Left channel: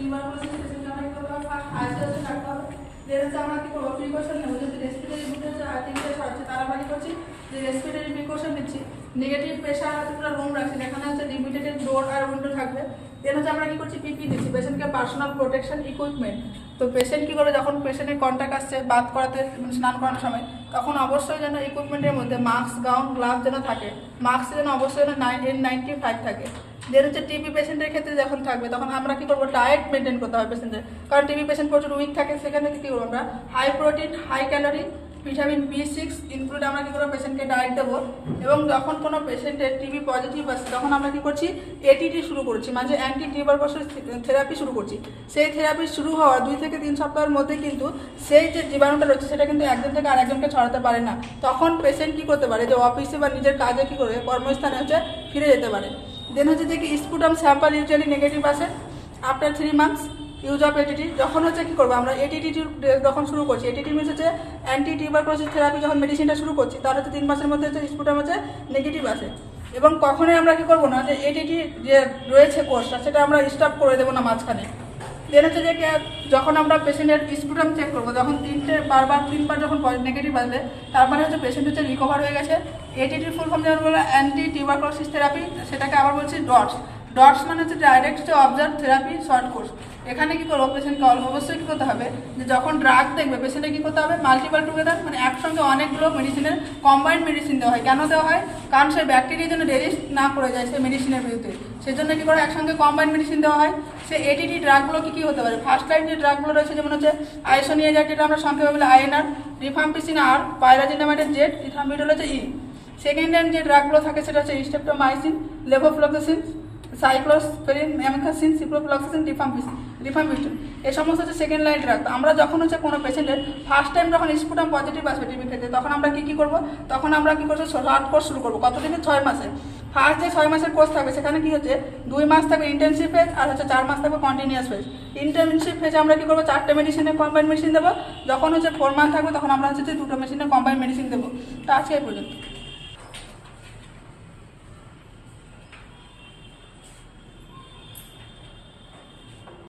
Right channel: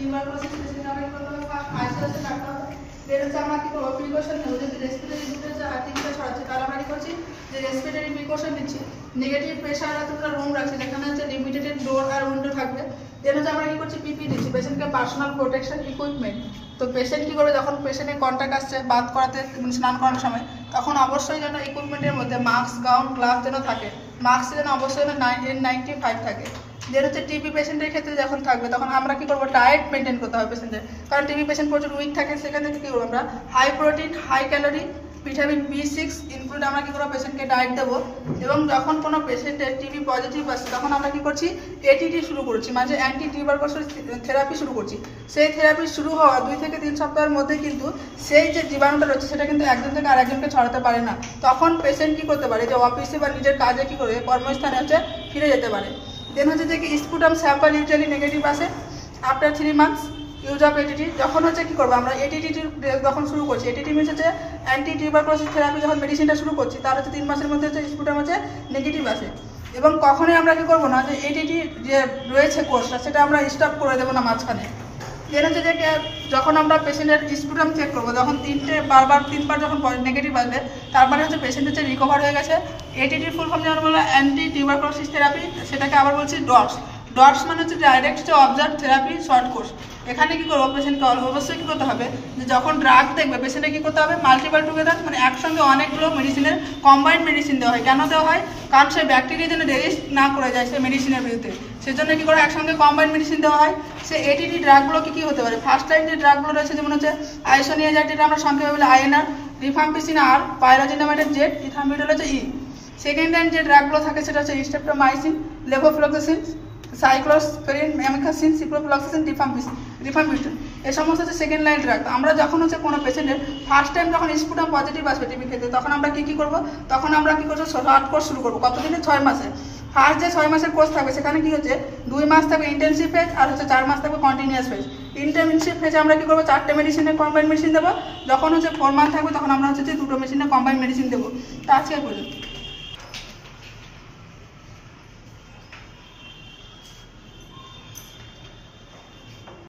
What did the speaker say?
Tuberculosis patient আমরা কি করবো আইসোলেশন রাখতে হবে। দেন হচ্ছে আমরা কি করবো প্রিকশন নেবো, যেহেতু রেসপিরেটরি ইনফ্লুয়েঞ্জা আর টিবিটা ছড়াচ্ছে তার আমরা কি করছি যে রেসপিরেটরি প্রিকশন নিচ্ছি। নেগেটিভ প্রেশার আর দুটো রুম রাখছি, যেখানে হচ্ছে লিমিটেড ডোর আর উইন্ডো থাকবে। দেন হচ্ছে আমরা কি করছি পিপি দিচ্ছি, পেশেন্টকে পার্সোনাল প্রোটেকশন ইকুইপমেন্ট। তো পেশেন্ট কি করে যখন পেশেন্টের কন্ট্যাক্ট আসছে বাথ করাতে মানে স্নান করানোর সময়, তখন অবশ্যই যেন ইকুইপমেন্টের মধ্যে মাস্ক গাউন গ্লাভস যেন থাকে, মাস্ক যেন অবশ্যই N95 থাকে। যেটা হচ্ছে টিবি পেশেন্টের ক্ষেত্রে যখন থাকবে তখন আমরা কি করবো ডায়েট মেনটেন করতে হবে পেশেন্টের, কারণ টিবি পেশেন্ট প্রচুর উইক থাকে। সেখান থেকে কী করবো আমরা high protein high calorie vitamin B6 include আমরা কী করবো পেশেন্টকে ডায়েট দেবো। এবং যখন কোনো পেশেন্টের টিবি পজিটিভ আসছে তখন আমরা কী করছি এটিটি শুরু করছি, মানে অ্যান্টি টিউবারকুলোসিস থেরাপি শুরু করছি। সেই থেরাপি শুরু হওয়া 2 থেকে 3 সপ্তাহের মধ্যে কিন্তু সেই যে জীবাণুটা রয়েছে সেটা কিন্তু একজন থেকে আরেকজনকে ছড়াতে পারে না। তখন পেশেন্ট কী করতে পারে যে অফিসে বা নিজের কাজে কী করে কর্মস্থানে হচ্ছে ফিরে যেতে পারে। দেন হচ্ছে যে স্পুটাম স্যাম্পল ইউজুয়ালি নেগেটিভ আসে after 3 months use of ATT. যখন হচ্ছে কী করবো আমরা এটিটি যখন শুরু করছি, এটিটি মিনস হচ্ছে অ্যান্টি টিউবারকুলোসিস থেরাপি যখন মেডিসিনটা শুরু করছি তার হচ্ছে 3 মাসের মধ্যে হচ্ছে স্পুটাম হচ্ছে নেগেটিভ আসে। এবং কখনোই আমরা কী করবো না যে এটিটি যে রয়েছে কোর্সটা সেটা আমরা স্টপ করে দেবো না মাঝখানে। দেন হচ্ছে যে যখন আমরা পেশেন্টের স্পুটাম চেক করবো তখন 3বার যখন নেগেটিভ আসবে তার মানে হচ্ছে পেশেন্ট হচ্ছে রিকভার হয়ে গেছে। এটিটির ফুল ফর্ম যেমন বলবো অ্যান্টি টিউবারকুলোসিস থেরাপি, সেটাকে আবার বলছি ডটস মানে হচ্ছে direct observe therapy short course. এখানে কী করবো পেশেন্টকে অবশ্যই কী করতে হবে যে যখন ড্রাগ দেখবে পেশেন্টে কী করতে হবে মাল্টিপল টুগেদার, মানে একসঙ্গে অনেকগুলো মেডিসিনের কম্বাইন্ড মেডিসিন দেওয়া হয়। কেন দেওয়া হয়? কারণ সেই ব্যাকটেরিয়া যেন রেজিস্ট না করে যায় সেই মেডিসিনের বিরুদ্ধে, সেজন্য কী করে একসঙ্গে কম্বাইন্ড মেডিসিন দেওয়া হয়। সে এটিটি ড্রাগগুলো কী হতে পারে, ফার্স্ট লাইন যে ড্রাগগুলো রয়েছে যেমন হচ্ছে আইসোনিয়াজাইড, যেটা আমরা সংক্ষেপে বলি INR, rifampicin R, pyrazinamide Z, ইথামিডল হচ্ছে E। সেকেন্ড লাইন যে ড্রাগগুলো থাকে সেটা হচ্ছে স্ট্রেপ্টোমাইসিন, লেভোফ্লক্সাসিন, সাইক্লোস্পেরিন, অ্যামিক্সাসিন, সিপ্রোফ্লক্সাসিন, রিফাম্পিস্টিন, এই সমস্ত হচ্ছে সেকেন্ড লাইন ড্রাগ। আমরা যখন হচ্ছে কোনো পেশেন্টের ফার্স্ট টাইম যখন স্পুটাম পজিটিভ আসবে টিবি ক্ষেত্রে তখন আমরা কী করবো, তখন আমরা কী করবো শর্ট কোর্স শুরু করবো। কতদিনে? 6 মাসে। ফার্স্ট যে 6 মাসের কোর্স থাকবে সেখানে কী হচ্ছে 2 মাস থাকবে ইন্টেনসিভ ফেজ আর হচ্ছে 4 মাস থাকবে কন্টিনিউয়াস ফেজ। ইন্টেনসিভ ফেজে আমরা কী করবো 4টে মেডিসিনের কম্বাইন্ড মেডিসিন দেবো। যখন হচ্ছে 4 মান্থ থাকবে তখন আমরা হচ্ছে 2টো মেডিসিনের কম্বাইন্ড মেডিসিন দেবো। তো আজকে পর্যন্ত।